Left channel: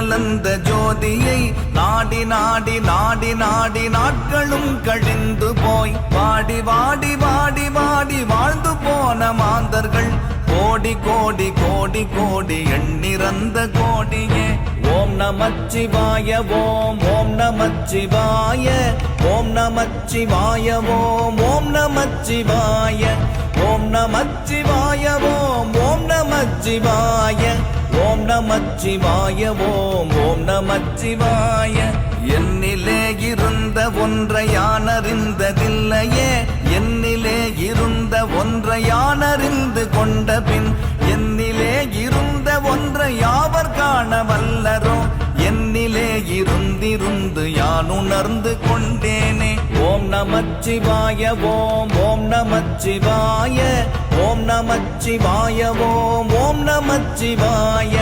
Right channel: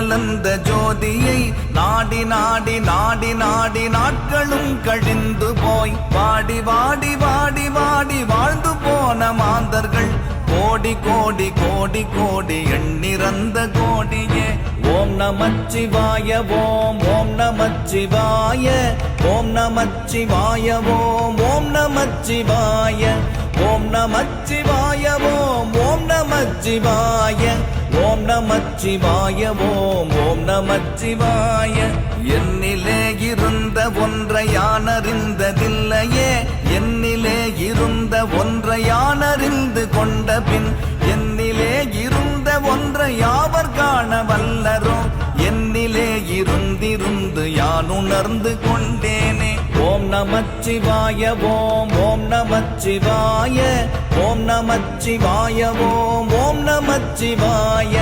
கலந்த ஜோதியை நாடி நாடி நாடி நாடி நாட்களும் கழிந்து போய் வாடி வாடி வாடி வாடி வாழ்ந்து போன மாந்தர்கள் கோடி கோடி கோடி கோடி எண்ணிறந்த கோடியே. ஓம் நமச்சிவாய ஓம் ஓம் நமச்சிவாய ஓம் நமச்சிவாய ஓம் ஓம் நமச்சிவாய ஓம் நமச்சிவாய ஓம் ஓம் நமச்சிவாய ஓம் நமச்சிவாய ஓம் ஓம் நமச்சிவாய. என்னிலே இருந்த ஒன்றை யானறிந்ததில்லையே, என்னிலே இருந்த ஒன்றை யானறிந்து கொண்ட பின் என்னிலே இருந்த ஒன்றை யாவர் காண வல்லரோ, என்னிலே இருந்திருந்து யான் உணர்ந்து கொண்டேனே. ஓம் நமச்சிவாய ஓம் ஓம் நமச்சிவாய ஓம் நமச்சிவாய